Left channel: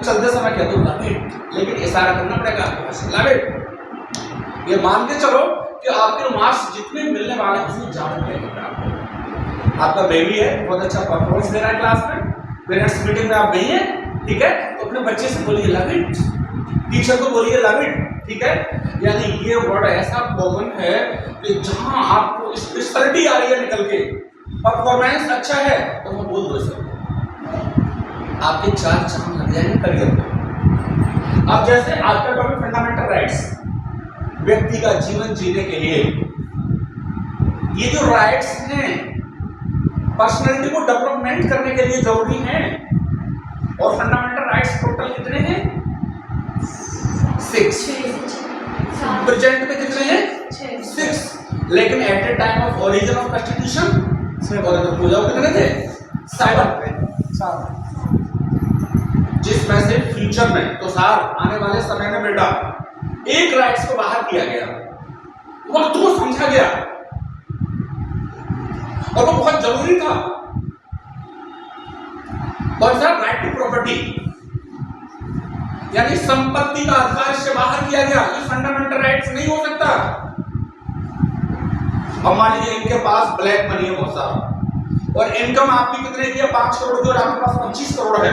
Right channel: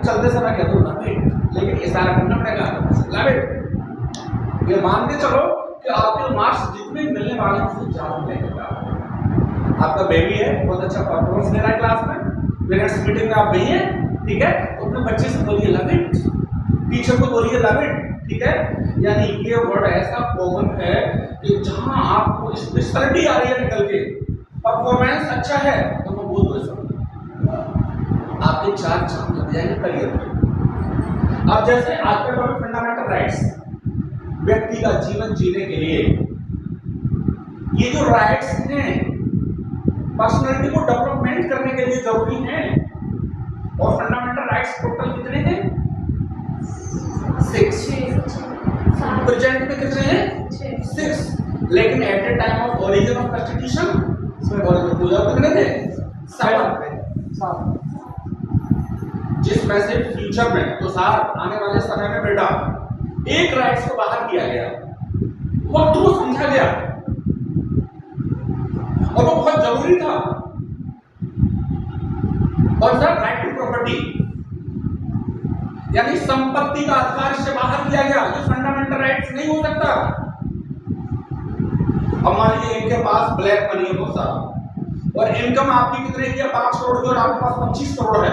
चलते समय कह दो लव इट, लेकिन इशारा करना पड़ेगा आपके पास, लव इट। ये मान के चलो कि आपके मार्क्स जितने मिलने वाले हैं उसमें ज्यादा मिलेगा आपको। आपका बेबी है, बहुत अच्छा परफॉर्मेंस दे रहा है क्लास में, पेरेंट्स मीटिंग में आप गई हैं, ठीक है, तो अपने बच्चे से बोलिए लव इट, टीचर को बोलिए लव इट, ठीक है। यानी ये वर्ड ऐसा कॉमन है कि जहां आपको स्पेशलिटी आ रही है निकल के, परफॉर्मेंस अच्छा है तो मैं बोल दो सब, आपके 4 चांद लग जाएंगे करियर में। अब जैसे आज का टॉपिक फंडामेंटल राइट्स, व्यक्ति का जीवन जीने के लिए ये जो राइट्स हैं पर्सनालिटी को डेवलपमेंट करने के लिए जरूरी हैं। और फंडामेंटल राइट्स टोटल कितने हैं? 6। प्रेजेंट में कितने हैं? 6। लेकिन at the time of origin of constitution और जो पूजा कितने थे? 7। जिसमें से फ्यूचर में तो सार आने वाले समय में बेटा एक राइट्स को बाहर किया गया, वक्त को समझा गया और वो बहुत जरूरी था। और सर राइट टू प्रॉपर्टी यानी संपत्ति का अधिकार से बाहर किया गया, ये फंडामेंटल राइट्स नहीं हो सकता। अब मान लीजिए इनके पास ब्लैक मनी है बहुत सारा और इनकम आपकी कितने की है? 5 करोड़ की और आपके पास 25 करोड़ है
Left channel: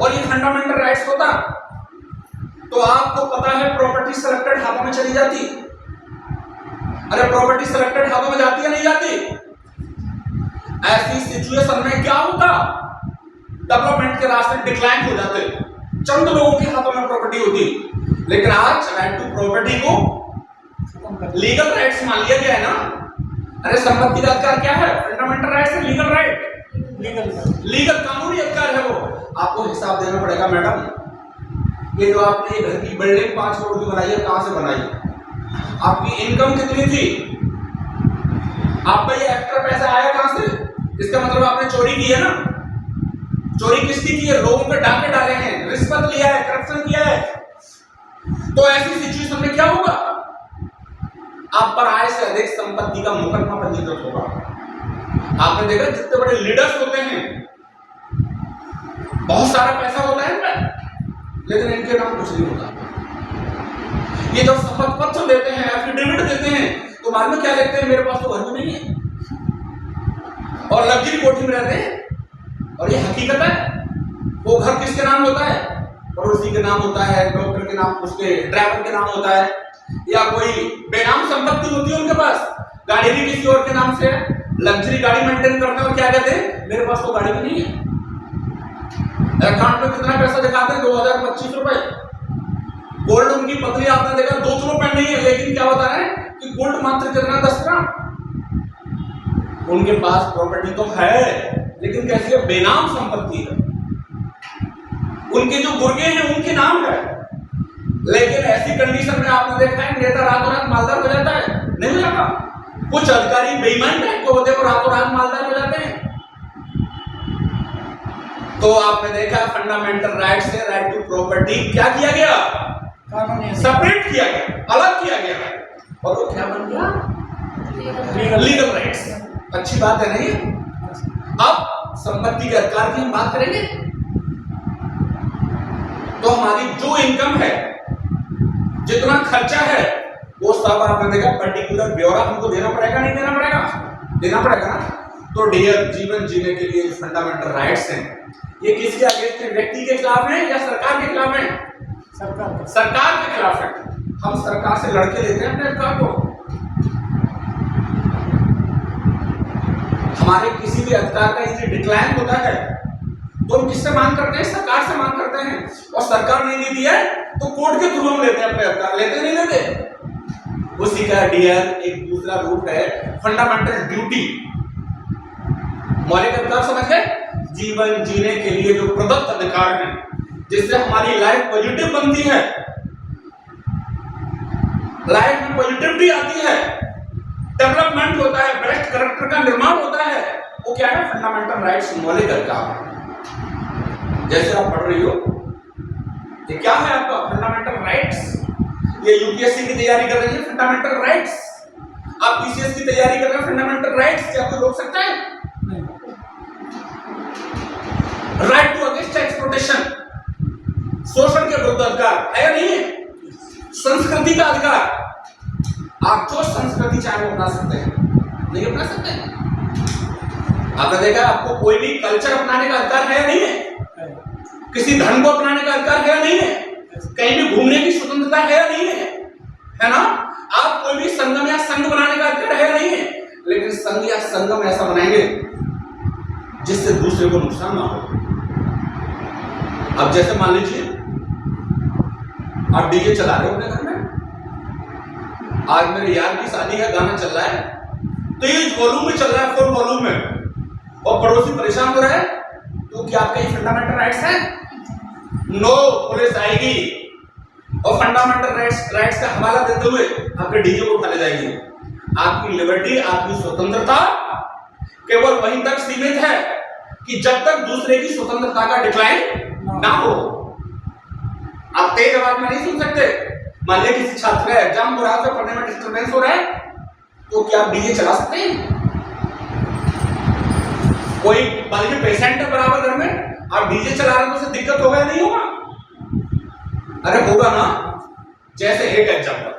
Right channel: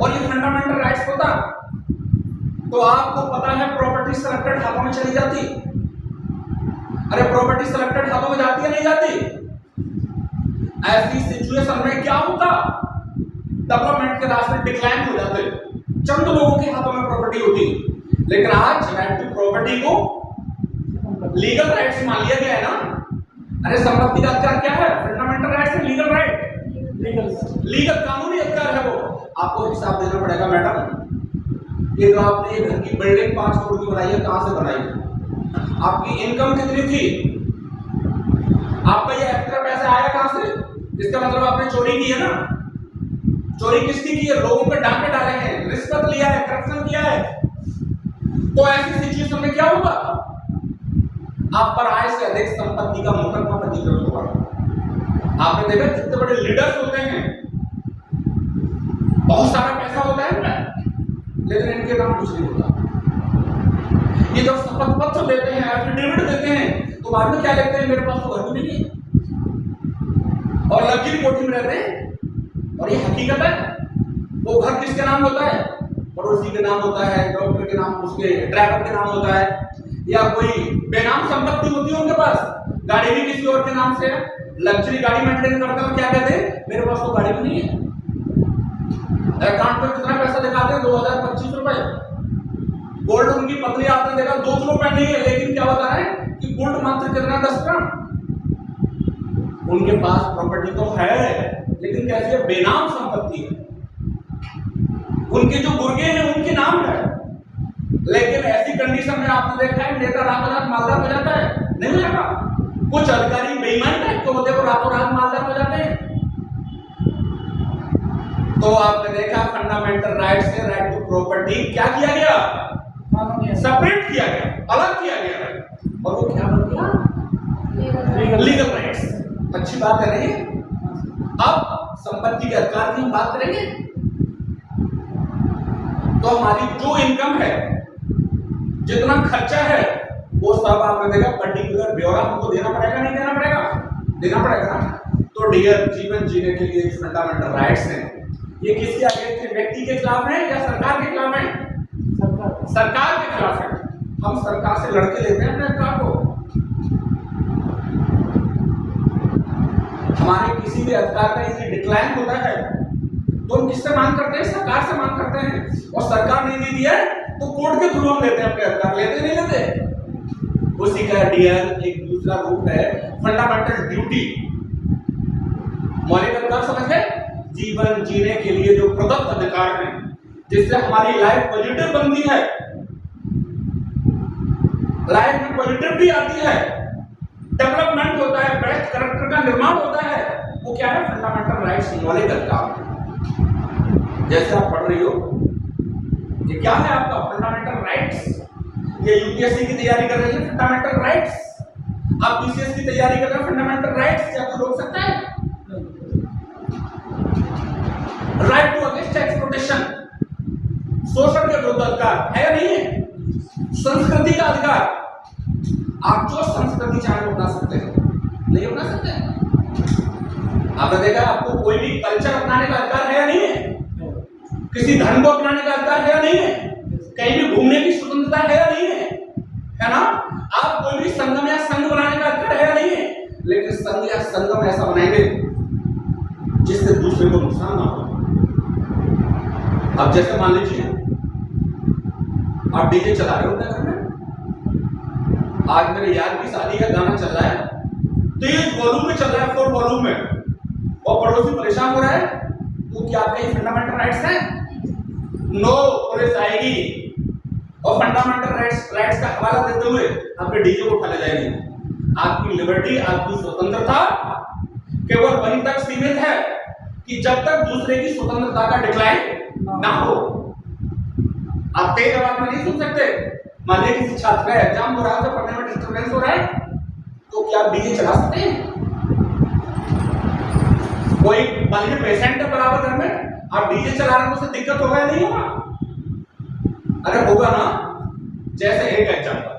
और ये फंडामेंटल राइट्स होता तो आपको पता है प्रॉपर्टी सेलेक्टेड हाथों में चली जाती। अरे प्रॉपर्टी सेलेक्टेड हाथों में जाती है नहीं जाती? ऐसी सिचुएशन में क्या होता? डेवलपमेंट के रास्ते डिक्लाइन हो जाते, चंद लोगों के हाथों में प्रॉपर्टी होती। लेकिन आज राइट टू प्रॉपर्टी को लीगल राइट्स मान लिया गया है ना। अरे संपत्ति का अधिकार क्या है? फंडामेंटल राइट्स है, लीगल राइट, लीगल कानूनी अधिकार है वो। आपको हिसाब देना पड़ेगा मैडम, ये जो आपने घर की बिल्डिंग 5 करोड़ की बनाई है, कहां से बनाई? आपकी इनकम कितनी थी? आपका ये एक्स्ट्रा पैसा आया कहां से? इसका मतलब आपने चोरी की है ना। चोरी किसकी की है? लोगों पे डाके डाले हैं, रिश्वत लिया है, करप्शन किया है। तो ऐसी सिचुएशन में क्या होगा? आप पर आय से अधिक संपत्ति का मुकदमा पंजीकृत होगा। आपने देखा जितने बड़े लीडर्स होते हैं बहुत सारा पैसा होता है इनमें, लेकिन इनके नाम कुछ नहीं होता। ये जब शपथ पत्र देते हैं, एफिडेविट देते हैं, तो बाद में क्या लिखते हैं? मेरे पास तो घर भी नहीं है और लग्जरी कोठी में रहते हैं। और ये हकीकत है। वो घर किसके नाम होता है? पड़ोसी के नाम होता है, डॉक्टर के नाम, उसके ड्राइवर के नाम होता है, या कोई बेनाम संपत्ति होती है उनके पास, गाड़ी भी किसी और के नाम से है, लग्जरी गाड़ी मेंटेन करते हैं और क्या कहते हैं? मेरे पास तो गाड़ी भी नहीं है। अकाउंट में कितना पैसा दिखाते हैं? 2025 रुपए। गोल्ड उनकी पत्नी आपने देखा 2 किलो पेन नहीं है, लेकिन क्या बता रहे हैं कि गोल्ड मात्र कितना? 10 ग्राम। उनके पास प्रॉपर्टी तो है लेकिन कैसी है? बेनाम संपत्ति है। उनके जो गुर्गे हैं उनके नाम है, लेकिन ऐसी कंडीशन में आपने देखा है नेता रातों रात मालदार हो जाता है? नहीं हो जाता। कुछ अधिकारी बेईमान टाइप के होते हैं, रातों रात मालदार हो जाते हैं। तो आपने देखा फंडामेंटल राइट से राइट टू प्रॉपर्टी क्या किया गया? सेपरेट किया गया, अलग किया गया और वो क्या बन गया? Legal rights. अच्छी बात है नहीं? अब संपत्ति के अधिकार की हम बात करेंगे तो हमारी जो इनकम है, जितना खर्चा है, वो सब आपने देखा पर्टिकुलर ब्यौरा हमको देना पड़ेगा नहीं देना पड़ेगा? देना पड़ेगा ना। तो डियर जीवन जीने के लिए फंडामेंटल राइट्स हैं, ये किसके अगेंस्ट है? व्यक्ति के खिलाफ है या सरकार के खिलाफ है? सरकार के खिलाफ है। हम सरकार से लड़के लेते हैं अपने अधिकार को। हमारे किसी भी अधिकार का यदि डिक्लाइन होता है तो हम किससे मांग करते हैं? सरकार से मांग करते हैं। और सरकार नहीं देती है तो कोर्ट के थ्रू हम लेते हैं अपने अधिकार। लेते नहीं लेते? उसी का डियर एक दूसरा रूप है फंडामेंटल ड्यूटी। मौलिक अधिकार समझ गए? जीवन जीने के लिए जो प्रदत्त अधिकार हैं, जिससे हमारी लाइफ पॉजिटिव बनती है, लाइफ में पॉजिटिविटी आती है, डेवलपमेंट होता है, बेस्ट कैरेक्टर का निर्माण होता है, वो क्या है? फंडामेंटल राइट्स, मौलिक अधिकार। जैसे आप पढ़ रही हो, ये क्या है आपका? Fundamental rights. ये यूपीएससी की तैयारी कर रही है, फंडामेंटल राइट्स। आप पीसीएस की तैयारी कर रहे हैं, फंडामेंटल राइट्स। क्या कोई रोक सकता है? राइट टू अगेंस्ट एक्सप्लॉइटेशन, का अधिकार है या नहीं है? संस्कृति का अधिकार, आप जो संस्कृति चाहे वो अपना सकते हैं, नहीं अपना सकते हैं? आपने देखा आपको कोई भी कल्चर अपनाने का अधिकार है या नहीं है? किसी धर्म को अपनाने का अधिकार है या नहीं है? कहीं भी घूमने की स्वतंत्रता है या नहीं है ना? आप कोई भी संगम या संघ बनाने का अधिकार है या नहीं है? लेकिन संघ या संगम ऐसा बनाएंगे जिससे दूसरे को नुकसान ना हो। अब जैसे मान लीजिए आप डीजे चला रहे हो अपने घर में, आज मेरे यार की शादी है, गाना चल रहा है, तेज वॉल्यूम में चल रहा है, फुल वॉल्यूम में, और पड़ोसी परेशान हो रहा है, तो क्या आपके ये फंडामेंटल राइट्स हैं? नो, पुलिस आएगी और फंडामेंटल राइट्स का हवाला देते हुए आपके डीजे को उठा ले जाएगी। आपकी लिबर्टी, आपकी स्वतंत्रता केवल वहीं तक सीमित है कि जब तक दूसरे की स्वतंत्रता का डिक्लाइन ना हो। आप तेज आवाज में नहीं सुन सकते। मान लीजिए किसी छात्र का एग्जाम हो रहा है, पढ़ने में डिस्टर्बेंस हो रहा है, तो क्या आप डीजे चला सकते हैं? कोई मान लीजिए पेशेंट है बराबर घर में, आप डीजे चला रहे हैं तो उसे दिक्कत होगा या नहीं होगा? अरे होगा ना। जैसे एक एग्जाम्पल,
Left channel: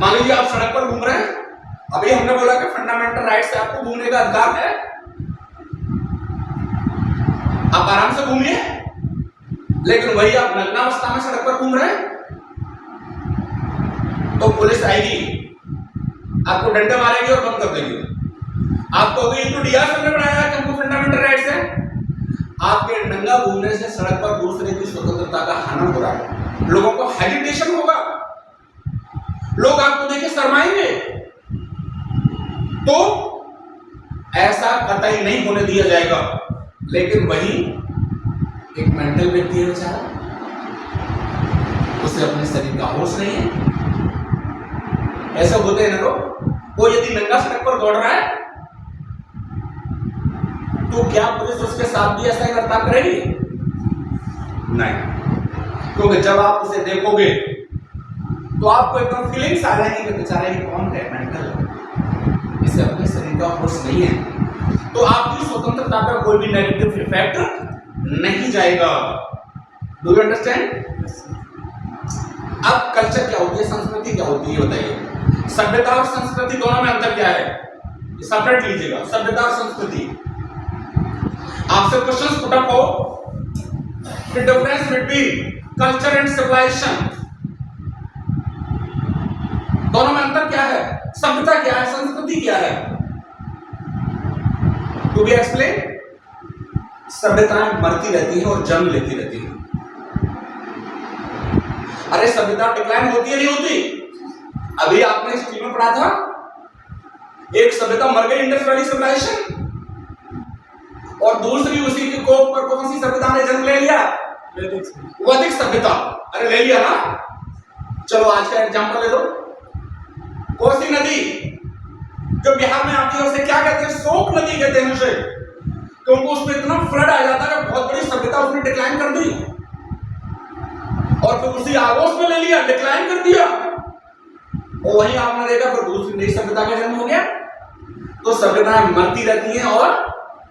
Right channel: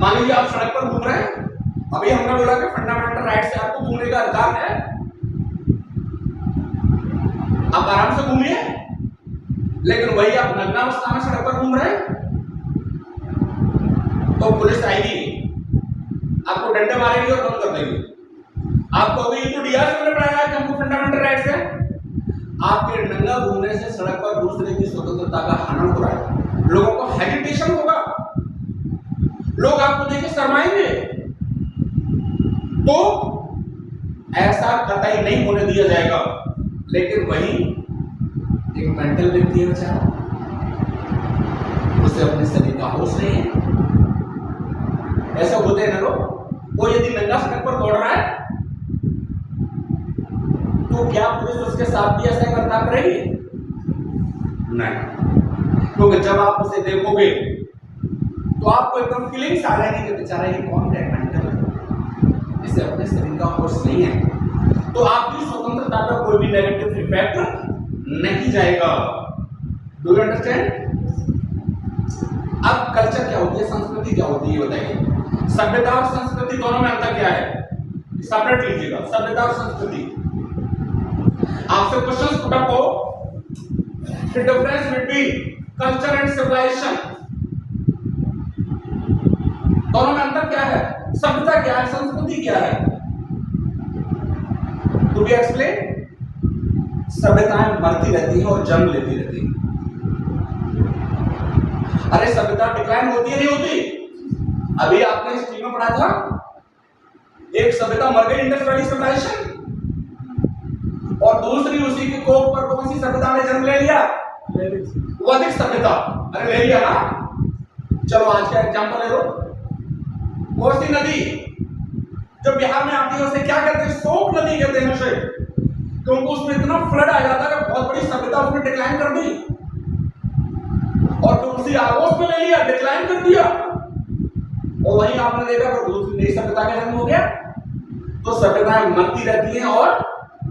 मान लीजिए आप सड़क पर घूम रहे हैं, अभी हमने बोला कि फंडामेंटल राइट से आपको घूमने का अधिकार है, आप आराम से घूमिए, लेकिन वही आप नग्नावस्था में सड़क पर घूम रहे हैं तो पुलिस आएगी, आपको डंडे मारेगी और बंद कर देगी। आपको अभी तो डीआर ने बनाया है कि हमको फंडामेंटल राइट्स है। आपके नंगा घूमने से सड़क पर दूसरे की स्वतंत्रता का हनन हो रहा है, लोगों को हेजिटेशन होगा, लोग आपको देख के शर्माएंगे। तो ऐसा कतई नहीं होने दिया जाएगा। लेकिन वही एक मेंटल व्यक्ति है बेचारा, उसे अपने शरीर का होश नहीं है। ऐसा होते हैं ना लोग, वो यदि नंगा सड़क पर दौड़ रहा है तो क्या पुलिस उसके साथ भी ऐसा ही बर्ताव करेगी? नहीं, क्योंकि जब आप उसे देखोगे तो आपको एकदम फीलिंग्स आ जाएंगी कि बेचारा ये कौन है, मेंटल, इसे अपने शरीर का होश नहीं है। तो आपकी स्वतंत्रता पर कोई भी नेगेटिव इफेक्ट नहीं जाएगा। Do you understand? अब कल्चर क्या होती है, संस्कृति क्या होती है, बताइए। सभ्यता और संस्कृति दोनों में अंतर क्या है, सेपरेट लीजिएगा, सभ्यता और संस्कृति। आपसे क्वेश्चन पुट अप हो, the difference between culture and civilisation, दोनों में अंतर क्या है, सभ्यता क्या है, संस्कृति क्या है? To B explain. सभ्यताएं मरती रहती हैं और जन्म लेती रहती हैं। अरे सभ्यता डिक्लाइन होती है नहीं होती? अभी आपने हिस्ट्री में पढ़ा था, एक सभ्यता मर गई, इंडस वैली सिविलाइजेशन, और दूसरी उसी के कोप पर कौन सी सभ्यता ने जन्म ले लिया? वैदिक सभ्यता। अरे ले लिया ना। चलो आज का एग्जांपल ले लो, कोसी नदी जो बिहार में आती है उसे क्या कहते हैं? शोक नदी कहते हैं उसे, क्योंकि उसमें इतना फ्लड आ जाता है, बहुत बड़ी सभ्यता उसने डिक्लाइन कर दी, और फिर उसी आगोश में ले लिया, डिक्लाइन कर दिया, और वहीं आपने देखा फिर दूसरी नई सभ्यता का जन्म हो गया। तो सभ्यताएं मरती रहती हैं और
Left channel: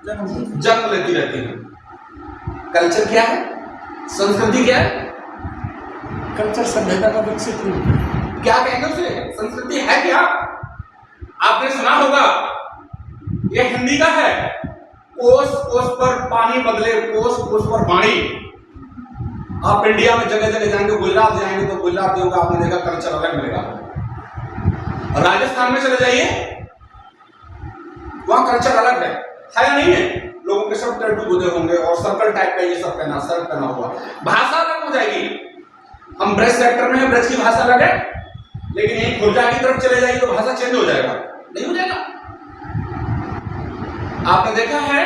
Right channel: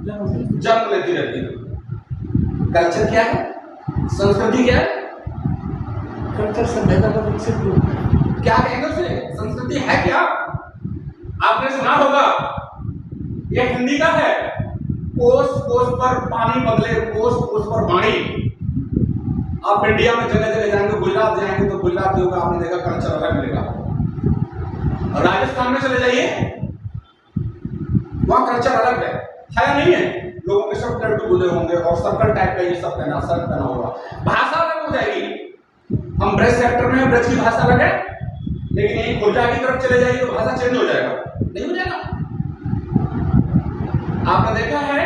जन्म लेती रहती हैं। कल्चर क्या है, संस्कृति क्या है? कल्चर सभ्यता का विकसित रूप। क्या कहेंगे उसे? संस्कृति है क्या? आपने सुना होगा, ये हिंदी का है, कोस कोस पर पानी बदले, कोस कोस पर वाणी। आप इंडिया में जगह जगह जाएंगे, गुजरात जाएंगे तो गुजरातियों का आपने देखा कल्चर अलग मिलेगा। राजस्थान में चले जाइए, वहां कल्चर अलग है या नहीं है? लोगों के सब टर्टू बुधे होंगे और सर्कल टाइप का ये सब पहना, सर पहना हुआ, भाषा अलग हो जाएगी। हम ब्रज सेक्टर में, ब्रज की भाषा अलग है, लेकिन यही खुर्जा की तरफ चले जाइए तो भाषा चेंज हो जाएगा, नहीं हो जाएगा? आपने देखा है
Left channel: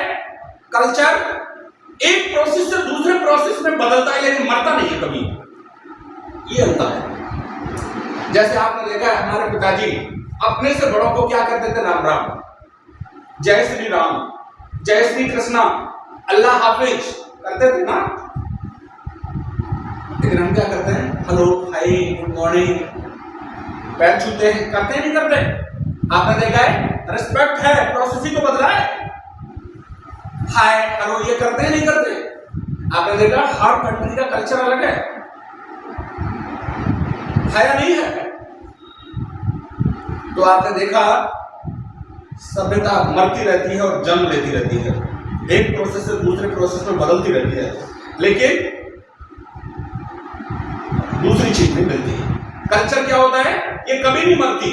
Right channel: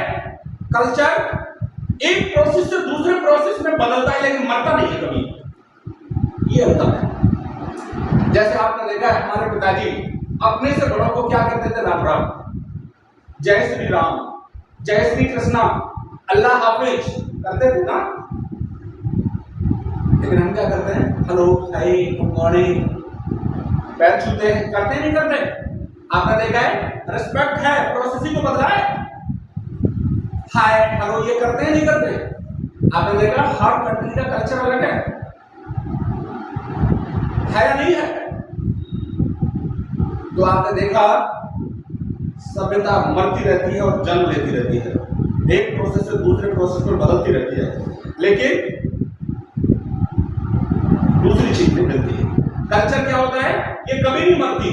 कल्चर एक प्रोसेस से दूसरे प्रोसेस में बदलता है, लेकिन मरता नहीं है कभी। ये अंतर है। जैसे आपने देखा है हमारे पिताजी अपने से बड़ों को क्या करते थे? राम राम, जय श्री राम, जय श्री कृष्णा, अल्लाह हाफिज करते थे ना। लेकिन हम क्या करते हैं? हेलो, हाय, गुड मॉर्निंग, पैर छूते हैं, करते हैं नहीं करते? आपने देखा है? रिस्पेक्ट है, प्रोसेस ही तो बदला है। हाय हेलो ये करते हैं नहीं करते? आपने देखा हर कंट्री का कल्चर अलग है या नहीं है? तो आपने देखा सभ्यता मरती रहती है और जन्म लेती रहती है, एक प्रोसेस से दूसरे प्रोसेस में बदलती रहती है, लेकिन दूसरी चीज नहीं मिलती है। कल्चर क्या होता है? ये कभी नहीं मरती,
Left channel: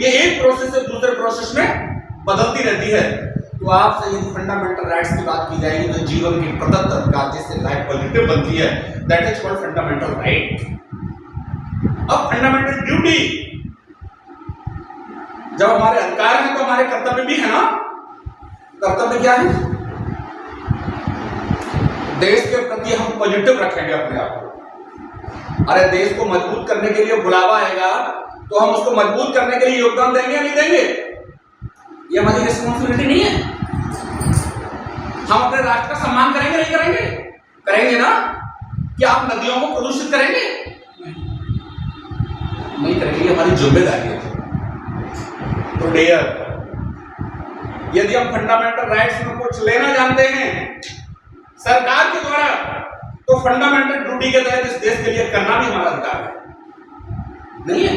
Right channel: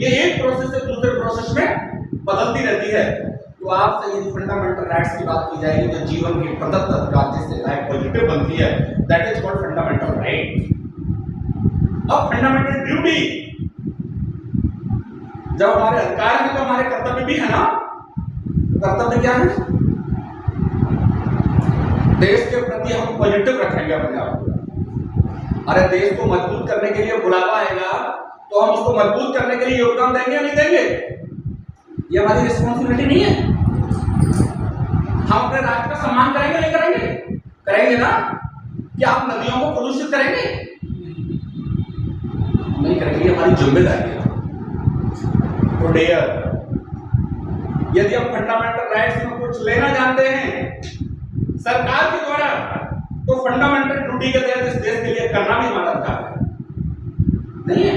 ये एक प्रोसेस से दूसरे प्रोसेस में बदलती रहती है। तो आपसे यदि फंडामेंटल राइट्स की बात की जाएगी तो जीवन के प्रदत्त अधिकार जिससे लाइफ पॉजिटिव बनती है, that is called fundamental right. अब फंडामेंटल ड्यूटी, जब हमारे अधिकार हैं तो हमारे कर्तव्य भी है ना। कर्तव्य क्या है? देश के प्रति हम पॉजिटिव रखेंगे अपने आप को। अरे देश को मजबूत करने के लिए बुलावा आएगा तो हम उसको मजबूत करने के लिए योगदान देंगे या नहीं देंगे? ये हमारी रिस्पॉन्सिबिलिटी नहीं है? हम अपने राष्ट्र का सम्मान करेंगे नहीं करेंगे? करेंगे ना। क्या आप नदियों को प्रदूषित करेंगे? नहीं करेंगे, ये हमारी जिम्मेदारी है। तो डियर, यदि हम फंडामेंटल राइट्स में कुछ लेना जानते हैं सरकार के द्वारा, तो फंडामेंटल ड्यूटी के तहत इस देश के लिए करना भी हमारा अधिकार है, नहीं है?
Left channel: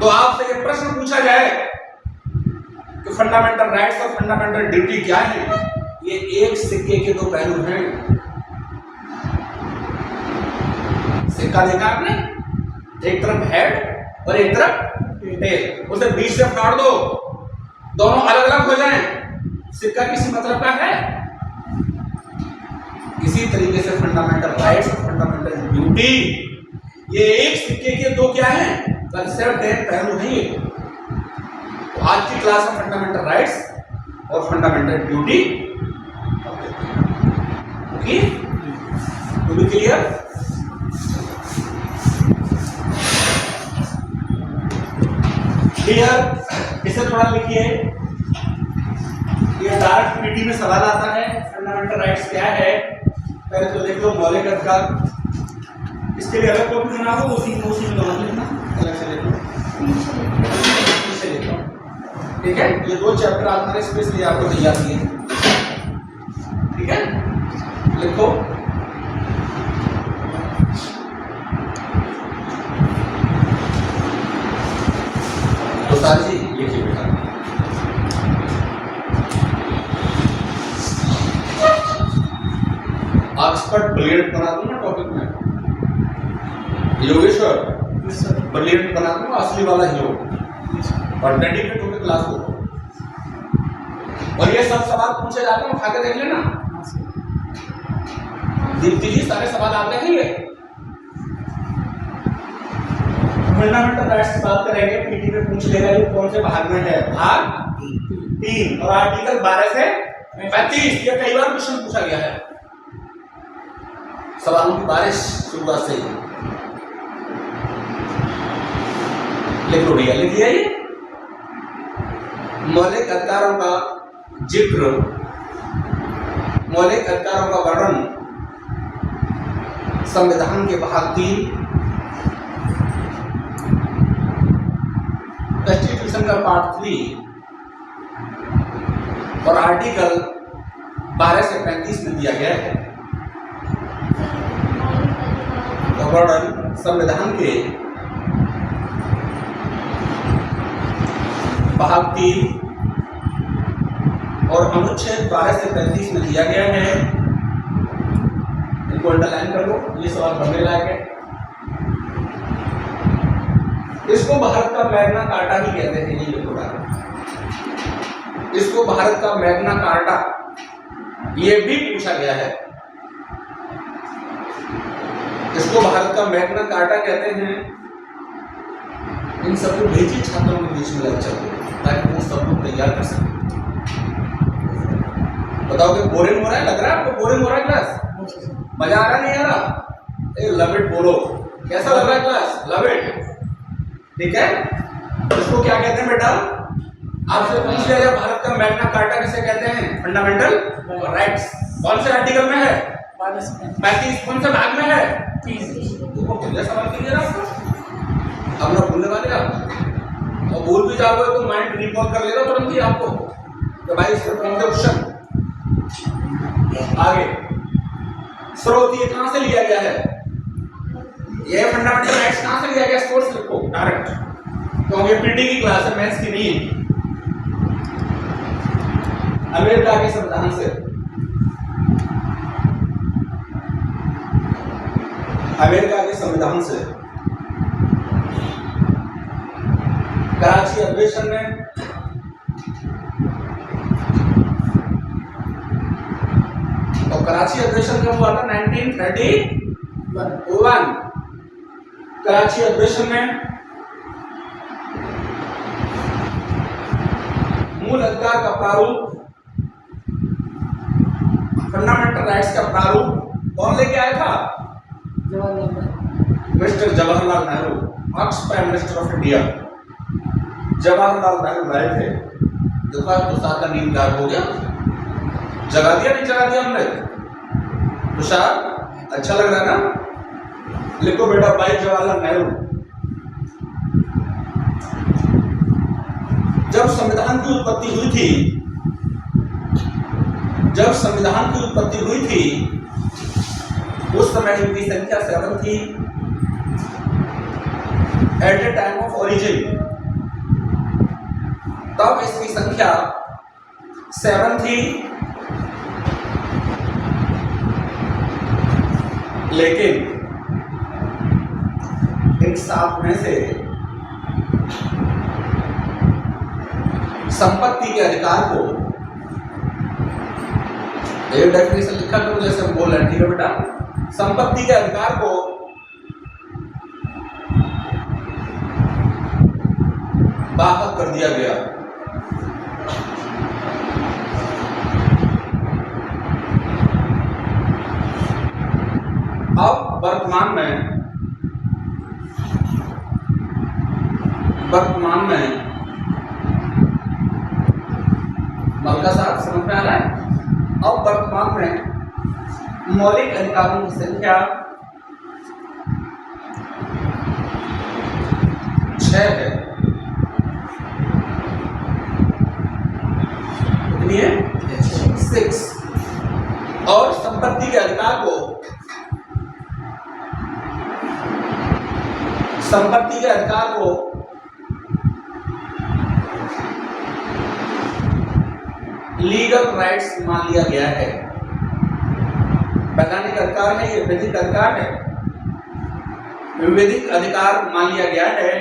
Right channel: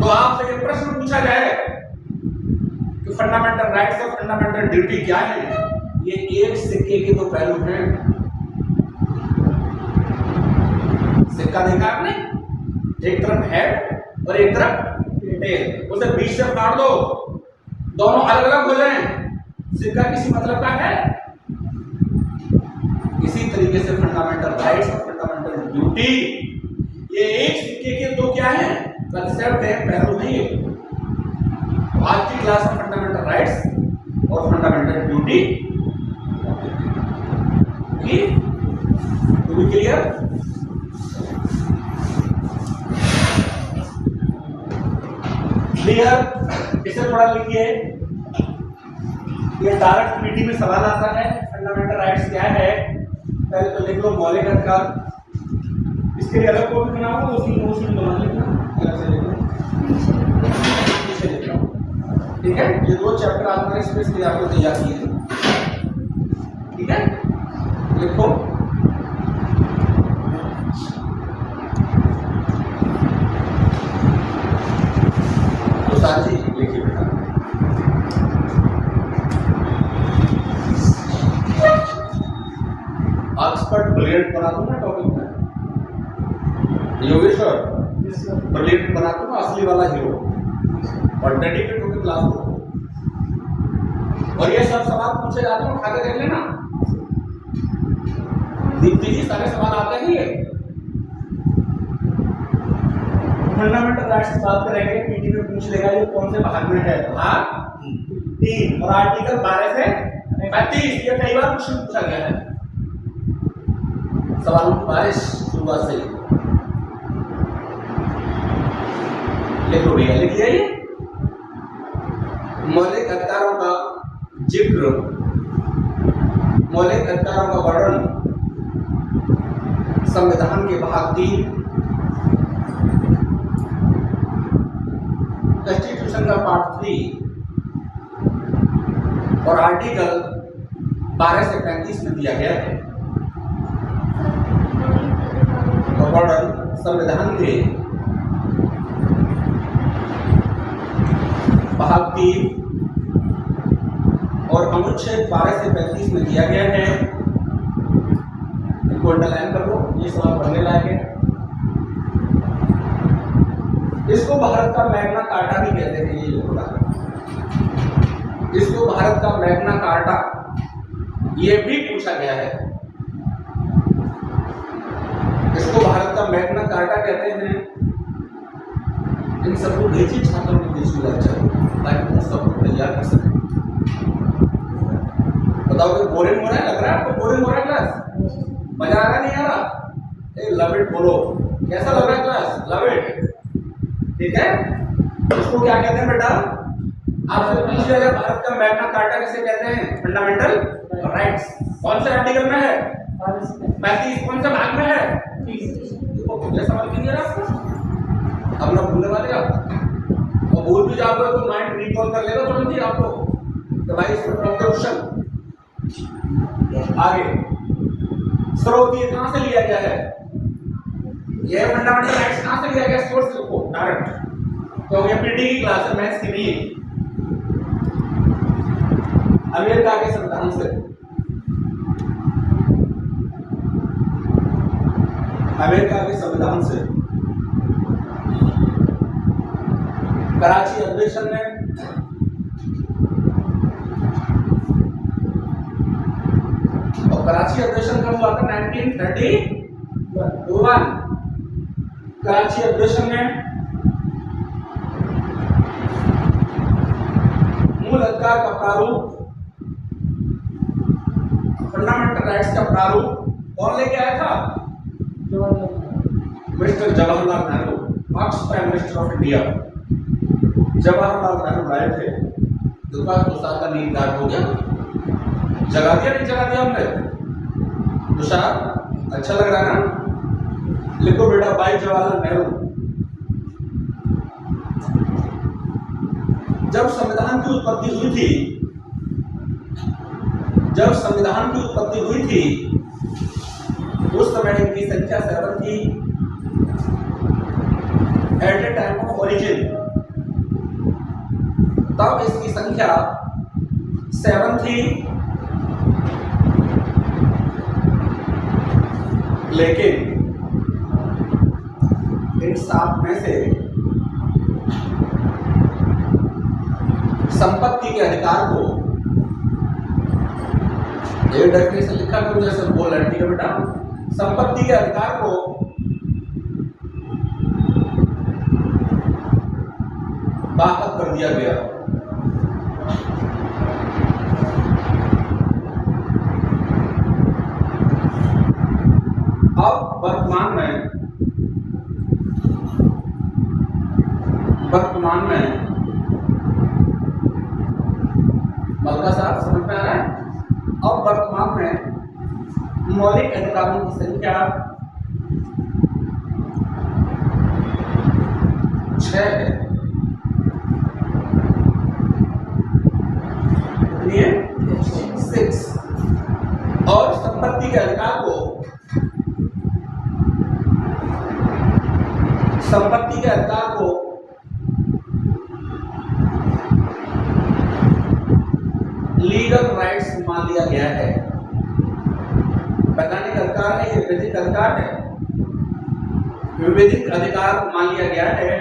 तो आपसे ये प्रश्न पूछा जाए कि फंडामेंटल राइट्स और फंडामेंटल ड्यूटी क्या है? ये एक सिक्के के दो पहलू हैं। सिक्का देखा आपने? एक तरफ हेड और एक तरफ टेल, उसे बीच से फाड़ दो, दोनों अलग अलग हो जाएं, सिक्का किसी मतलब का है? इसी तरीके से फंडामेंटल राइट्स और फंडामेंटल ड्यूटी ये एक सिक्के के दो क्या है? कंसेप्ट है, पहलू है ये। तो आज की क्लास में फंडामेंटल राइट्स और fundamental duty, okay, to be clear? Clear? इसे थोड़ा लिखिए, ये डायरेक्ट पीटी में सवाल आता है। फंडामेंटल राइट्स क्या है? पहले तो देख लो मौलिक अधिकार, इसके लिए अलग कॉपी बना हो, उसी में बना लेना, अलग से लिख लो, इसे लिख लो, ठीक है? ये दो चैप्टर आज मैंने स्पेशली आपको तैयार किए हैं, ठीक है? लिखो। तो सारी जी लिखिए बेटा। एक्सपर्ट ब्रिलियंट बना दूंगा टॉपिक में, योगेश्वर ब्रिलियंट बना दूंगा, असली वाला हीरो, और डेडिकेट होकर क्लास को। और ये सब सवाल पूछे जाते हैं, उठा के देख लेना। दीप्ति जी सारे सवाल आते हैं। ये फंडामेंटल राइट्स की बात करेंगे, पीटी में पूछ लेगा ये कौन से भाग में है? भाग 3 और आर्टिकल 12 से 35। ये कई बार क्वेश्चन पूछा गया है, सवालों की बारिश शुरुआत से ही। लिख लो भैया, लिख लिया ये। मौलिक अधिकारों का जिक्र, मौलिक अधिकारों का वर्णन संविधान के भाग 3, कॉन्स्टिट्यूशन का पार्ट 3 और आर्टिकल 12 से 35 में दिया गया है। तो वर्णन संविधान के भाग 3 और अनुच्छेद 12 से 35 में दिया गया है। इनको अंडरलाइन कर लो, ये सवाल पढ़ने लायक है। इसको भारत का मैग्ना कार्टा भी कहते हैं। ये लिखो डाल, इसको भारत का मैग्ना कार्टा ये भी पूछा गया है। इसको भारत का मैग्ना कार्टा कहते हैं। इन सबको भेजिए छात्रों के बीच में लेक्चर ताकि वो सब लोग तैयार कर सकें। बताओ कि बोरिंग हो रहा है? लग रहा है आपको बोरिंग हो रहा है क्लास? मजा आ रहा नहीं आ रहा? लव इट बोलो, कैसा लग रहा है क्लास? लव इट, ठीक है? इसको क्या कहते हैं बेटा? आपसे पूछ लिया, भारत का मैग्ना कार्टा किसे कहते हैं? Fundamental rights. कौन से आर्टिकल में है? 35। कौन से भाग में है? 30। तो सवाल क्लियर है आपको? अब ना भूलने वाले आप, और भूल भी जाओगे तो माइंड रिकॉल कर लेगा तुरंत ही आपको कि भाई इस पर क्वेश्चन। आगे स्रोत ये कहां से लिया गया है? ये फंडामेंटल राइट्स कहां से लिया गया? सोर्स लिखो डायरेक्ट, क्योंकि ये पीटी की क्लास है, मैथ्स की नहीं। अमेरिका के संविधान से, अमेरिका के संविधान से। कराची अधिवेशन में तो कराची अधिवेशन कब हुआ था? 1931। कराची अधिवेशन में मूल अधिकार का प्रारूप, फंडामेंटल राइट्स का प्रारूप कौन लेके आया था? Mister Jawaharlal Nehru, first prime minister of India. Jawaharlal Nehru लाए थे। देखो तुषार का नींद गायब हो गया, जगा दिया नहीं जगा दिया हमने? तुषार अच्छा लग रहा है ना? लिखो बेटा भाई जवाहरलाल नेहरू। जब संविधान की उत्पत्ति हुई थी, जब संविधान की उत्पत्ति हुई थी उस समय इनकी संख्या 7 थी at the time of origin. तब इसकी संख्या 7 थी, लेकिन इन 7 में से संपत्ति के अधिकार को, एक डेफिनेशन लिखा करो जैसे हम बोल रहे हैं, ठीक है बेटा? संपत्ति के अधिकार को बाहर कर दिया गया। अब वर्तमान में मलका साहब समझ में आ रहा है? अब वर्तमान में मौलिक अधिकारों की संख्या 6 है। कितनी है? 6। और संपत्ति के अधिकार को, संपत्ति के अधिकार को लीगल राइट्स मान लिया गया है। वैधानिक अधिकार है, ये विधिक अधिकार है, विधिक अधिकार मान लिया गया है।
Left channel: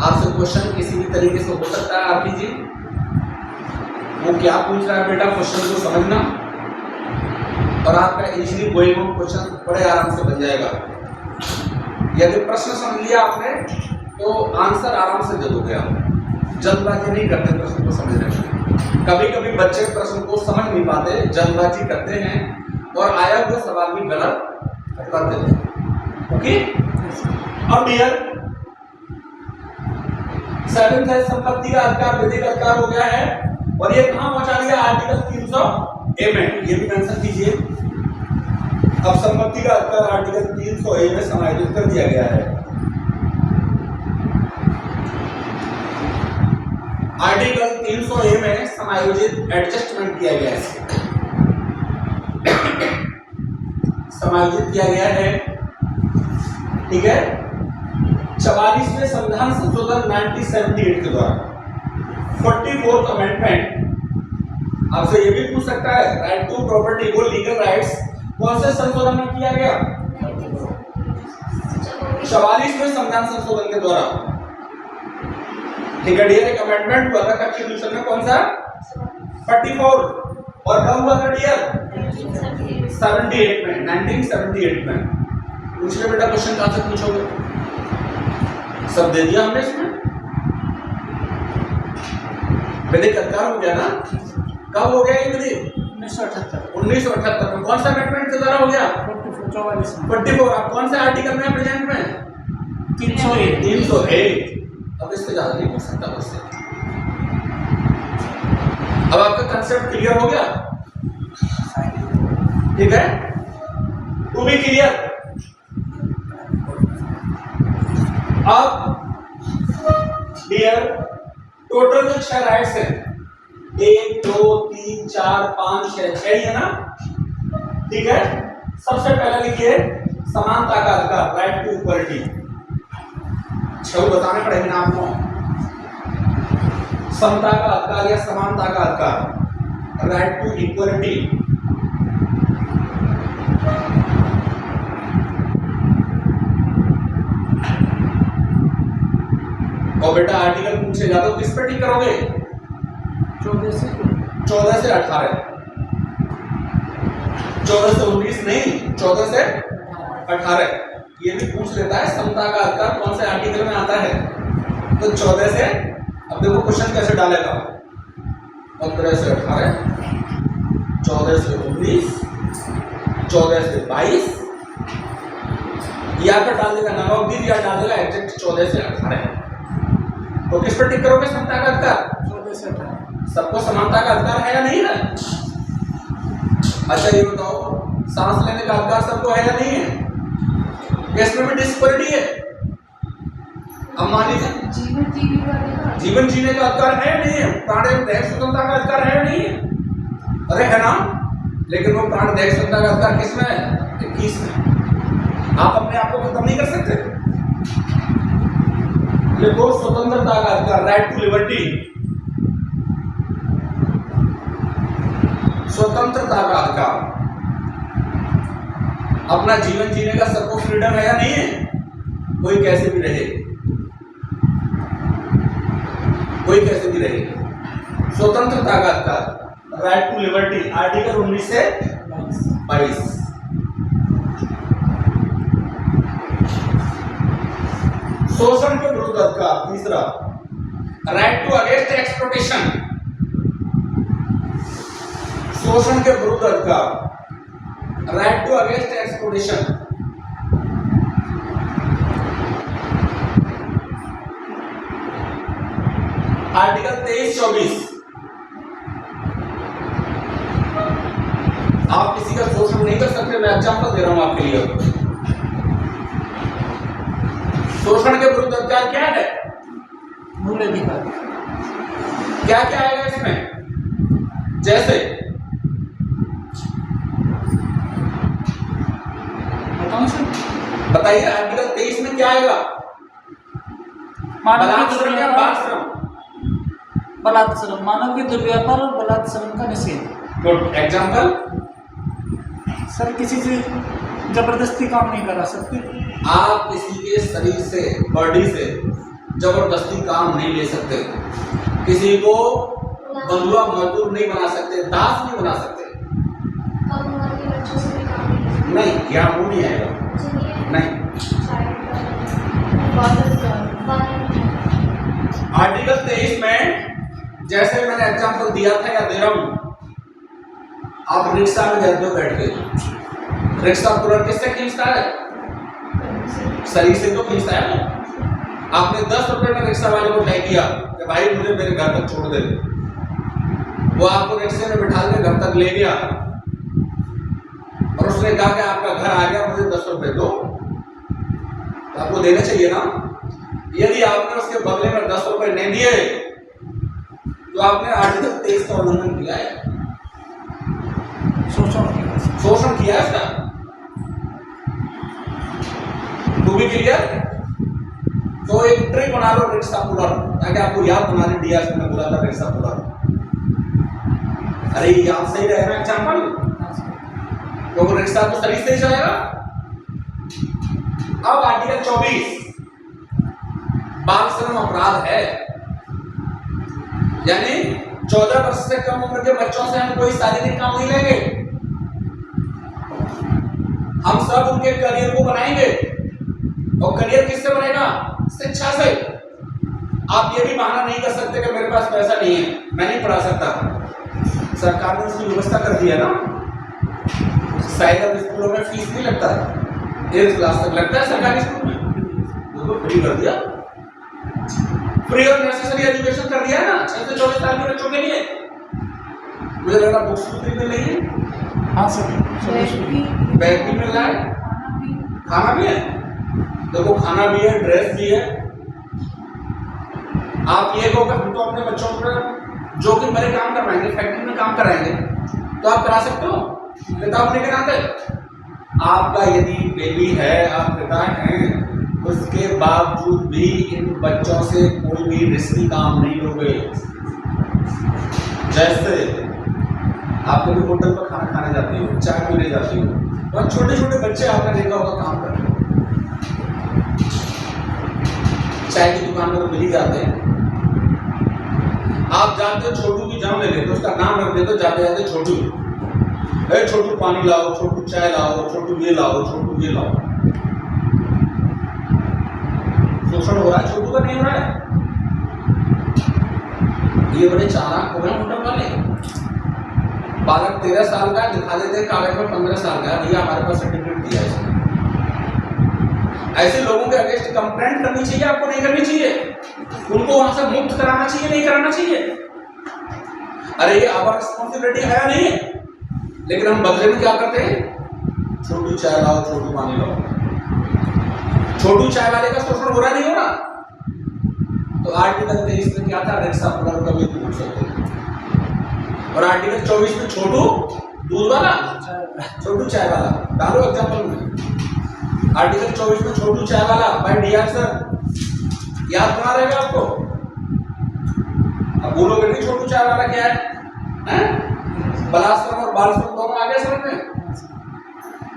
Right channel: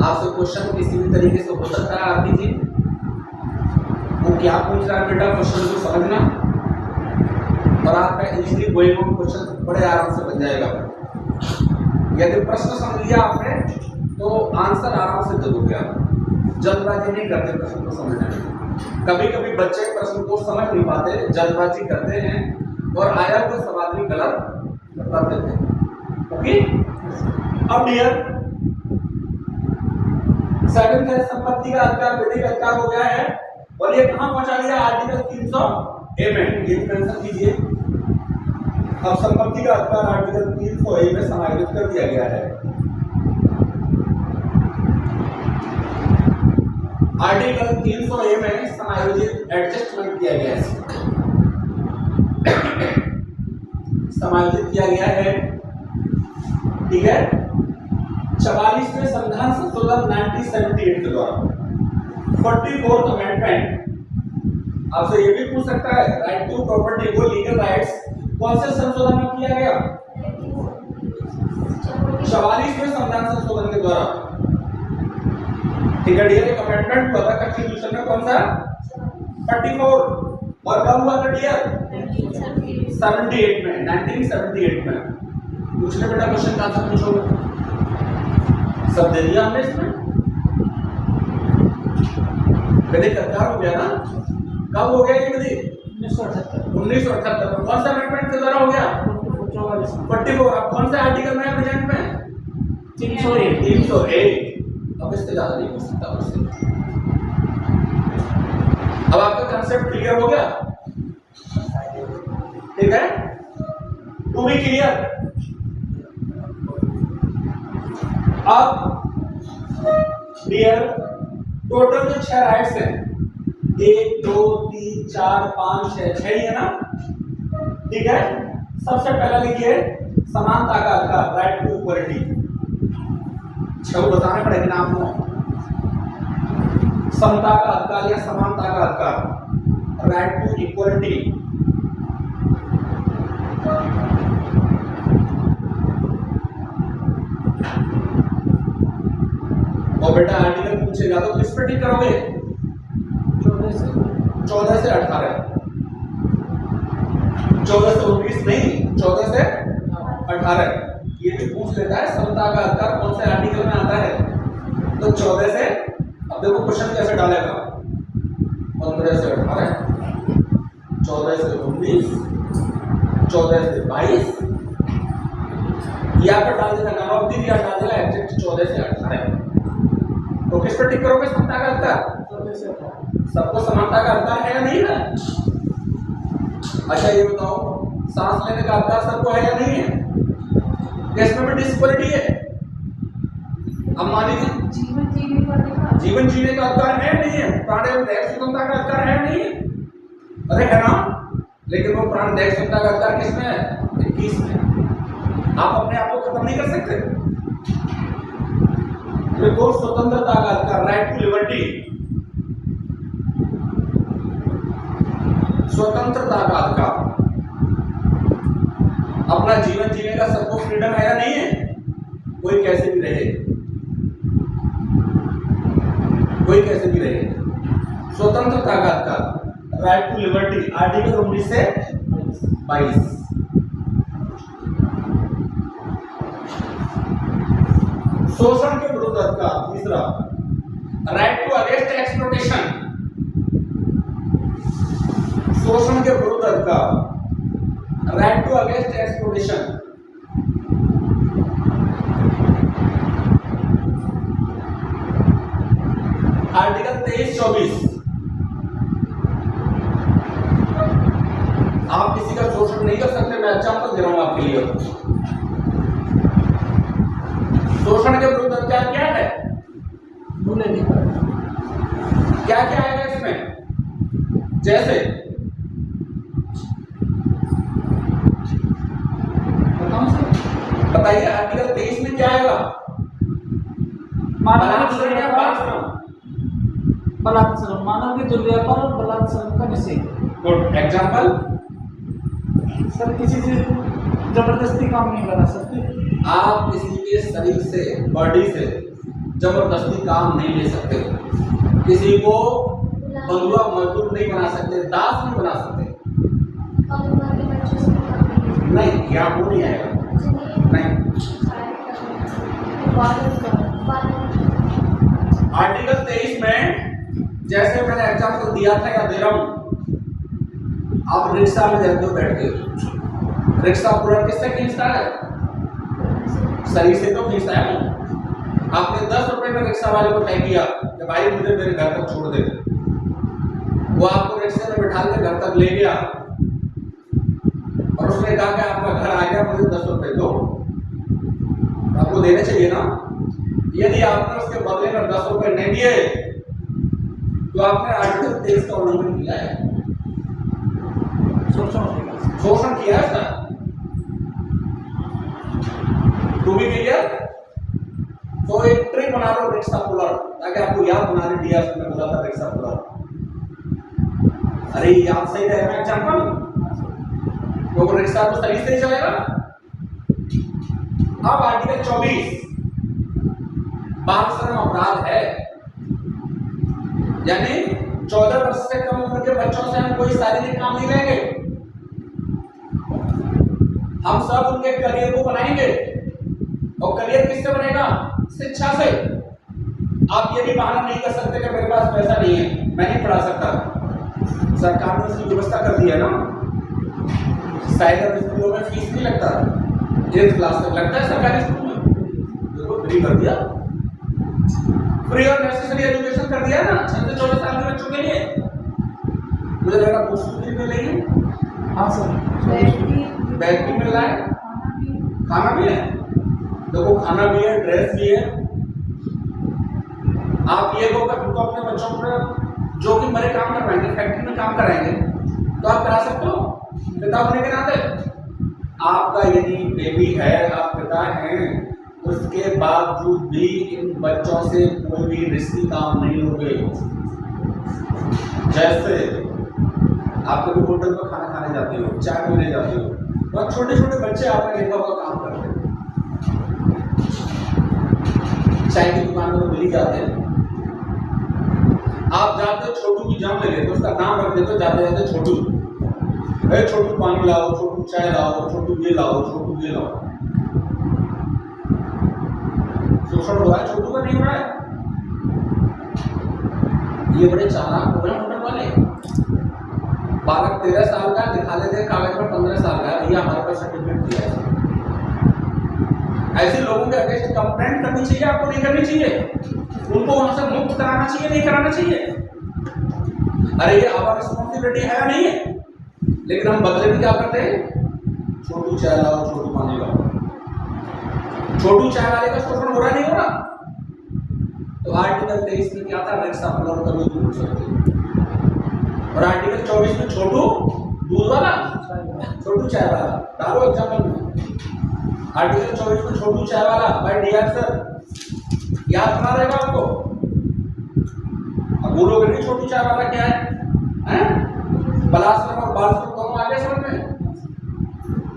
आपसे क्वेश्चन किसी भी तरीके से हो सकता है, आरती जी वो क्या पूछ रहा है बेटा, क्वेश्चन को समझना, और आपका इजीली गोइंग ऑन क्वेश्चन बड़े आराम से बन जाएगा। यदि प्रश्न समझ लिया आपने तो आंसर आराम से दे दोगे आप। जल्दबाजी नहीं करते प्रश्न को समझने में। कभी कभी बच्चे प्रश्न को समझ नहीं पाते, जल्दबाजी करते हैं और आया हुआ सवाल भी गलत कर देते हैं। ओके, अब डियर 7th है संपत्ति का अधिकार, विधिक अधिकार हो गया है, और ये कहां पहुंचा दिया? आर्टिकल 300A में, ये भी मेंशन कीजिए। अब संपत्ति का अधिकार आर्टिकल 300A में समायोजित कर दिया गया है। आर्टिकल 300A में समायोजित, एडजस्टमेंट किया गया है, समायोजित किया गया है, ठीक है? 44वें संविधान संशोधन 1978 के द्वारा 44th अमेंडमेंट। आपसे ये भी पूछ सकता है, राइट टू प्रॉपर्टी को लीगल राइट्स कौन से संशोधन में किया गया? 44वें संविधान संशोधन के द्वारा, ठीक है डियर? एक अमेंडमेंट हुआ था कॉन्स्टिट्यूशन में, कौन सा? 44। और कब हुआ था डियर? 78 में, 1978 में। पूछ ले बेटा क्वेश्चन, कहां से पूछोगे? सब दे दिया हमने इसमें। विधिक अधिकार हो गया ना? कब हो गया ये विधि? 1978 में। कौन सा अमेंडमेंट के द्वारा हो गया? 44। अब कौन से आर्टिकल में प्रेजेंट में? 308। अब इससे ज्यादा नहीं पूछ सकता मुझसे। अब आपका कंसेप्ट क्लियर हो गया, ठीक है? To be clear. अब डियर टोटल जो 6 राइट्स हैं 1 2 3 4 5 6 6 ही है ना, ठीक है। सबसे पहले लिखिए समानता का अधिकार, राइट टू इक्वलिटी। 6 बताने पड़ेंगे ना आपको। समता का अधिकार या समानता का अधिकार, राइट टू इक्वलिटी। और बेटा आर्टिकल पूछेगा तो किस पे टिक करोगे? 14 से 18, 14 से 19 नहीं, 14 से 18 ये भी पूछ लेता है। समता का अधिकार कौन से आर्टिकल में आता है? तो 14 से, अब देखो क्वेश्चन कैसे डालेगा, 15 से 18, 14 से 19, 14 से 22, या पर डाल देगा नवाबदीन या डाल देगा एग्जैक्ट 14 से 18। तो किस पर टिक करोगे? समता का अधिकार 14 से 18। सबको समानता का अधिकार है या नहीं है? अच्छा ये बताओ, सांस लेने का अधिकार सबको है या नहीं है? किसमें भी डिस्क्वालिटी है? अब मान लीजिए जीवन जीने का अधिकार है या नहीं है? प्राणदेह स्वतंत्रता का अधिकार है या नहीं है? अरे है ना, लेकिन वो प्राणदेह स्वतंत्रता का अधिकार किसमें है? 21 में। आप अपने आप को खत्म नहीं कर सकते। देखो स्वतंत्रता का अधिकार, राइट टू लिबर्टी, स्वतंत्रता का अधिकार, अपना जीवन जीने का सबको फ्रीडम है या नहीं है? कोई कैसे भी रहे, कोई कैसे भी रहे, स्वतंत्रता का अधिकार, राइट टू लिबर्टी, आर्टिकल 19 से 22। शोषण के विरुद्ध अधिकार, तीसरा, राइट टू अगेंस्ट एक्सप्लॉयटेशन, शोषण के विरुद्ध अधिकार, right to against exploitation. Article 23-24, आप किसी का शोषण नहीं कर सकते। मैं एग्जांपल दे रहा हूं आपके लिए। शोषण के विरुद्ध अधिकार क्या है? मूल अधिकार। क्या क्या आएगा इसमें? जैसे बताइए, आर्टिकल 23 में क्या आएगा? बलात्श्रम या बालश्रम? बलात्श्रम, मानव के दुर्व्यापार और बलात्श्रम का निषेध। Good example. सर किसी से जबरदस्ती काम नहीं करा सकते। आप किसी के शरीर से, बॉडी से जबरदस्ती काम नहीं ले सकते। किसी को बंधुआ मजदूर नहीं बना सकते, दास नहीं बना सकते। नहीं, क्या वो नहीं आएगा? नहीं। आर्टिकल 23 में जैसे मैंने एग्जांपल दिया था या दे रहा हूं, आप रिक्शा में जाते हो बैठ के, रिक्शा पूरा किससे खींचता है? शरीर से तो खींचता है ना। आपने 10 रुपए में रिक्शा वाले को तय किया कि भाई मुझे मेरे घर तक छोड़ दे, वो आपको रिक्शे में बिठा के घर तक ले गया और उसने कहा कि आपका घर आ गया, मुझे 10 रुपए दो, तो आपको देने चाहिए ना। यदि आपने उसके बदले में 10 रुपए नहीं दिए तो आपने आर्टिकल 23 का उल्लंघन किया है, शोषण किया है इसका। To be clear. तो एक ट्रिक बना लो रिक्शा पुलर, ताकि आपको याद बनाने दिया इसमें बोला था रिक्शा पुलर। अरे याद सही रहेगा ना एग्जांपल, तो वो रिक्शा तो सही से जाएगा। अब आर्टिकल 24, बालश्रम अपराध है, यानी 14 वर्ष से कम उम्र के बच्चों से हम कोई शारीरिक काम नहीं लेंगे। हम सब उनके करियर को बनाएंगे, और करियर किससे बनेगा? शिक्षा से। आप ये भी बहाना नहीं कर सकते कि मेरे पास पैसा नहीं है, मैं नहीं पढ़ा सकता। सरकार ने उसकी व्यवस्था कर दी है ना, शायद अब स्कूलों में फीस नहीं लगता, 8th क्लास तक लगता है सरकारी स्कूल में, तो फ्री कर दिया, फ्री और नेसेसरी एजुकेशन कर दिया है ना 6 से 24 साल के बच्चों के लिए। मुझे लग रहा बुक्स फ्री मिल रही है। हाँ सर, बैग भी मिल रहा है, खाना भी है, देखो खाना भी है, ड्रेस भी है। आप ये कहो कि हम तो अपने बच्चों को जो कि बड़े काम करवाएंगे, फैक्ट्री में काम कराएंगे, तो आप करा सकते हो पिता होने के नाते। आपका यदि बेबी है, आप पिता हैं, उसके बावजूद भी इन बच्चों से कोई भी रिस्की काम नहीं लोगे। जैसे आप कभी होटल पर खाना खाने जाते हो, चाय पीने जाते हो, तो छोटे छोटे बच्चे आपने देखा होगा काम कर रहे हो, चाय की दुकान में तो मिल ही जाते हैं। आप जाते हो, छोटू की जन्म ले लेते हो, उसका नाम रख देते हो जाते जाते छोटू, अरे छोटू पानी लाओ, छोटू चाय लाओ, छोटू ये लाओ, छोटू ये लाओ। शोषण हो रहा है, छोटू का नहीं हो रहा है। ये बड़े चालाक हो गए होटल वाले। बालक 13 साल का दिखा देते हैं कागज पर 15 साल का, भैया हमारे पास सर्टिफिकेट दिया है। ऐसे लोगों के अगेंस्ट कंप्लेंट करनी चाहिए, आपको नहीं करनी चाहिए। उनको वहां से मुक्त कराना चाहिए, नहीं कराना चाहिए। अरे ये आवर रिस्पॉन्सिबिलिटी है या नहीं है? लेकिन हम बदले में क्या करते हैं? छोटू चाय लाओ, छोटू पानी लाओ। छोटू चाय वाले का शोषण हो रहा नहीं हो रहा? तो आर्टिकल 23 में क्या था? रेक्सा पुनर कभी भूल सकते। और आर्टिकल 24 में छोटू दूध वाला, छोटू चाय वाला। डालो एग्जाम्पल में आर्टिकल 24 में छोटू चाय वाला बाय डीआर सर, याद बना रहेगा आपको। अब बोलोगे नहीं छोटू चाय वाला क्या है? बलाश्रम और बाल श्रम दोनों आगे समझ में,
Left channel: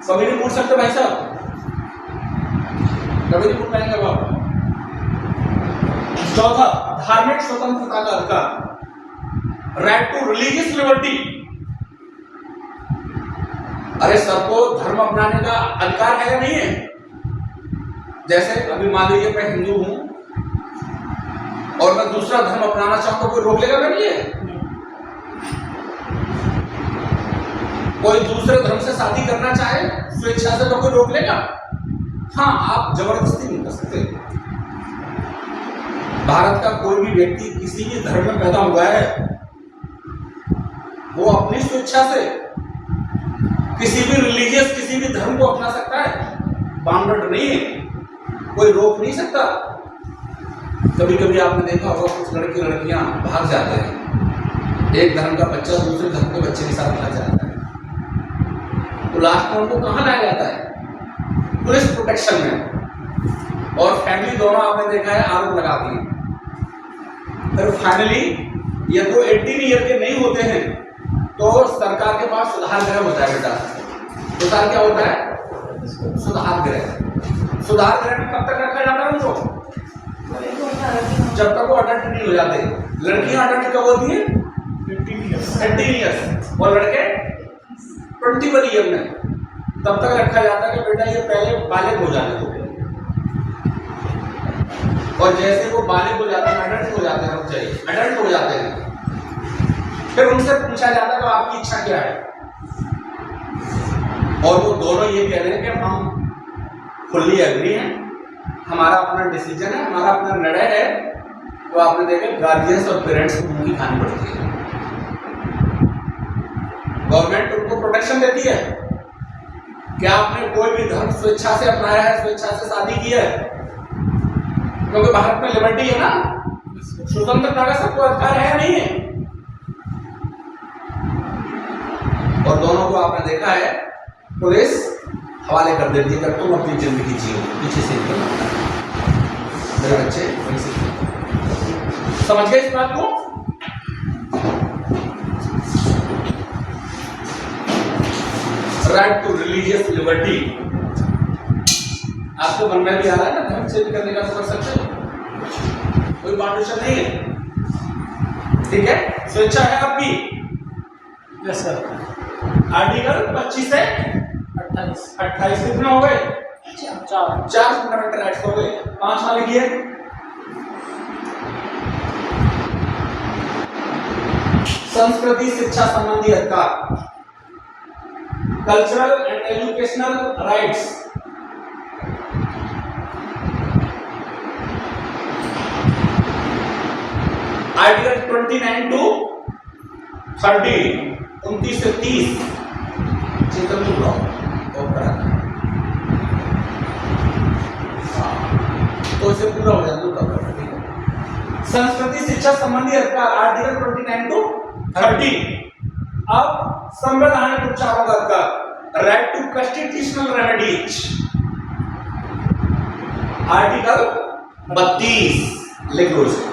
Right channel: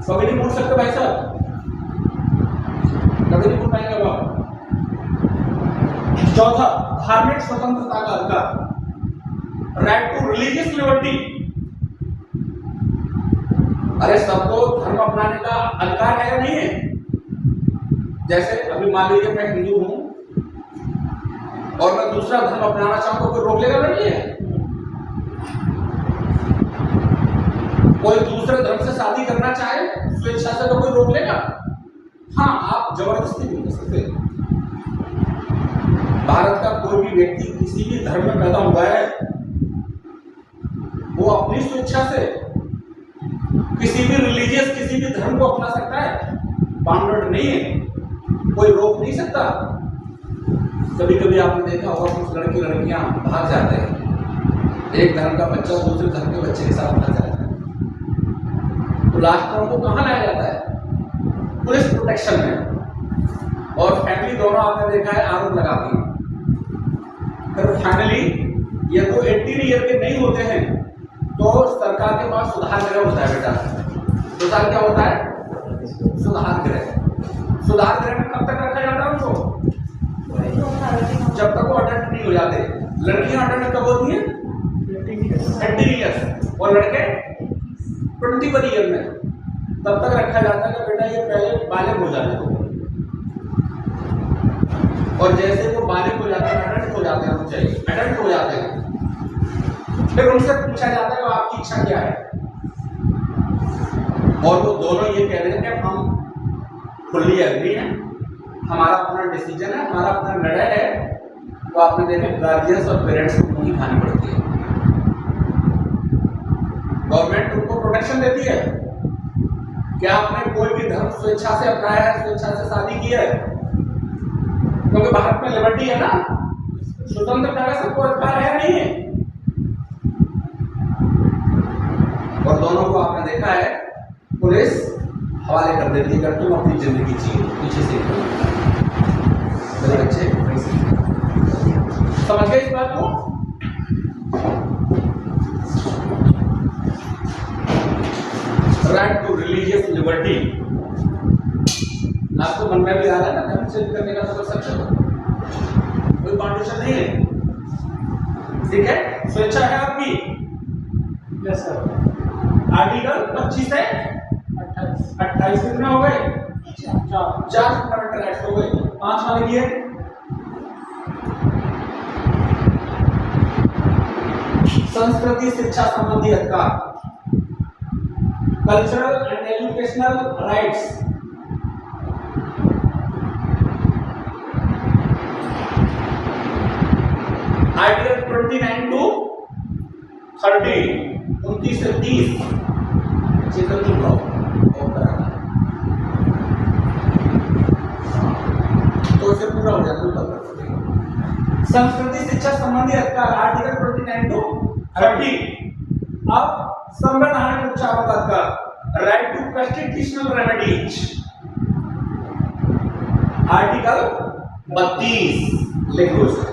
कभी नहीं पूछ सकते भाई साहब, कभी नहीं पूछ पाएंगे वो। चौथा, धार्मिक स्वतंत्रता का अधिकार, राइट टू रिलीजियस लिबर्टी। अरे सबको धर्म अपनाने का अधिकार है या नहीं है? जैसे अभी मान लीजिए मैं हिंदू हूं और मैं दूसरा धर्म अपनाना चाहूं तो कोई रोक लेगा मेरे लिए? कोई दूसरे धर्म से शादी करना चाहे स्वेच्छा से तो कोई रोक लेगा? हाँ, आप जबरदस्ती नहीं कर सकते। भारत का कोई भी व्यक्ति किसी भी धर्म में पैदा हुआ है, वो अपनी स्वेच्छा से किसी भी रिलीजियस, किसी भी धर्म को अपना सकता है, बाउंडेड नहीं है, कोई रोक नहीं सकता। कभी कभी आपने देखा होगा कुछ लड़के लड़कियां भाग जाते हैं, एक धर्म का बच्चा दूसरे धर्म के बच्चे के साथ भाग जाता है, तो लास्ट में उनको कहां लाया जाता है? पुलिस प्रोटेक्शन में। और फैमिली दोनों आपने देखा है आरोप लगाती है। फिर फाइनली ये तो 18 ईयर के नहीं होते हैं तो सरकार के पास सुधार गृह होता है। बेटा सुधार क्या होता है? सुधार गृह। सुधार गृह में कब तक रखा जाता है उनको? जब तक वो अडल्ट नहीं हो जाते। लड़कियां अडल्ट कब होती हैं? 18 ईयर्स और लड़के 21 ईयर में। तब तक रखा जाता है कि बेटा ये पहले बालिग हो जाते हो, और जैसे वो बालिग हो जाते हैं, अडल्ट हो जाते हैं, अडल्ट हो जाते हैं, फिर उनसे पूछा जाता है कि आपकी इच्छा क्या है, और वो दोनों ये कह रहे हैं कि हम फुल्ली एग्री हैं, हमारा अपना डिसीजन है, हमारा अपना निर्णय है। तो आपने देखा गार्जियंस और पेरेंट्स को उनकी खानी पड़ती है। गवर्नमेंट उनको प्रोटेक्शन देती है कि आपने कोई भी धर्म स्वेच्छा से अपनाया है, स्वेच्छा से शादी की है, क्योंकि भारत में लिबर्टी है ना, स्वतंत्रता का सबको अधिकार है नहीं है। और दोनों को आपने देखा है पुलिस हवाले कर देती है कि तुम अपनी जिंदगी जियो, पीछे से लगता है। मेरे बच्चे वही सीखे। समझ गए इस बात को? Right to religious liberty. आपको मन में भी आ रहा है ना, धर्म चेंज करने का समझ सकते हो, कोई पार्टीशन नहीं है, ठीक है, स्वेच्छा है आपकी। Yes sir. आर्टिकल 25 से 28 कितने हो गए? 4 फंडामेंटल राइट्स हो गए। 5 वाले की है संस्कृति शिक्षा संबंधी अधिकार, cultural and educational rights. Article 29 to 30, 29 से 30 चेतन लॉ और कराना है। तो इसे पूरा हो जाए तो तब ठीक है। संस्कृति शिक्षा संबंधी अधिकार आर्टिकल 29 टू 30। अब संवैधानिक उपचारों का अधिकार right to constitutional remedies article 32 लिख लो इसको।